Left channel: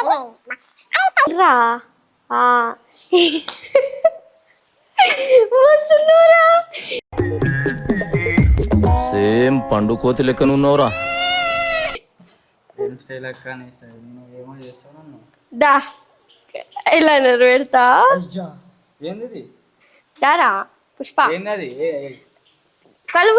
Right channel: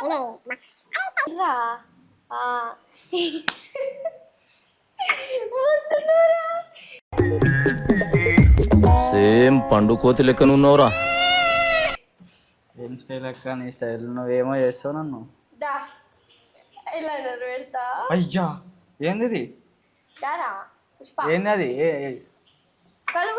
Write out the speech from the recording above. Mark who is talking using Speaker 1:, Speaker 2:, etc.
Speaker 1: రా. వస్తున్నారా?
Speaker 2: సేమ్ పండు కోతి లెక్కన ఉన్నావురా.
Speaker 3: ఏం స్టైల్ అక్క నీ స్టైల్ నువ్వేమో చేస్తావు నన్ను.
Speaker 1: దా. ఇలా పెడతా.
Speaker 3: అయ్యా ఏంది ఇది
Speaker 1: దారా? పుష్ప.
Speaker 3: ఏంది
Speaker 1: కళ్ళు